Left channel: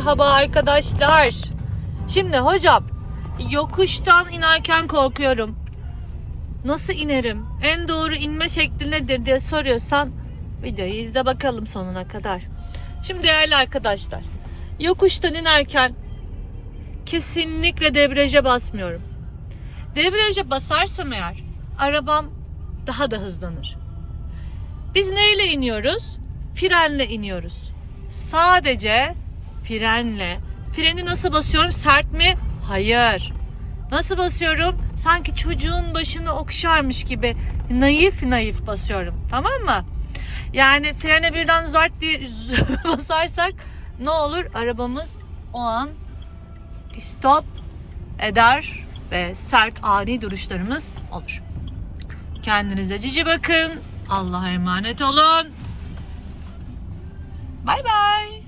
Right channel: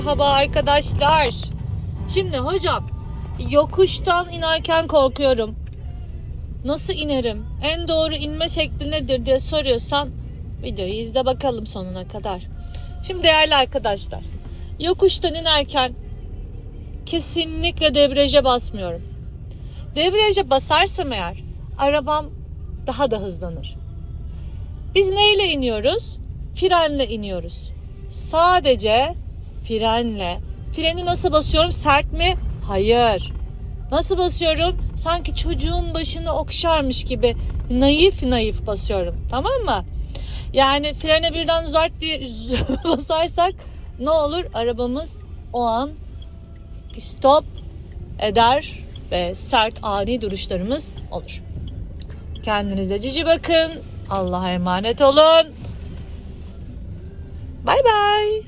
merhaba arkadaşlar. Şimdi hocam yokuştan inerken korkuyorum. Nasıl inerim? En doğru inme şekli nedir diye soruyorsan videoyu izle bakalım sonuna kadar. Şimdi değerli arkadaşlar yokuştan inerken kesinlikle debriyaja basmıyorum. Debriyaja basarsam eğer arabam daha da hızlanır. Biz neyle iniyoruz? Frenle iniyoruz. Sadece frenle. Freni nasıl basıyorum? Sert mi? Hayır. Nasıl basıyorum? Sanki çocuğun başını okşarmış gibi naif naif basıyorum. Tamam mı? Yani frene birden zart diye basarsak ne olur? Arabamız o an stop eder ve sert ani duruşlarımız olur. Kendinize cici bakın. Allah'a emanet olun. Bay bay.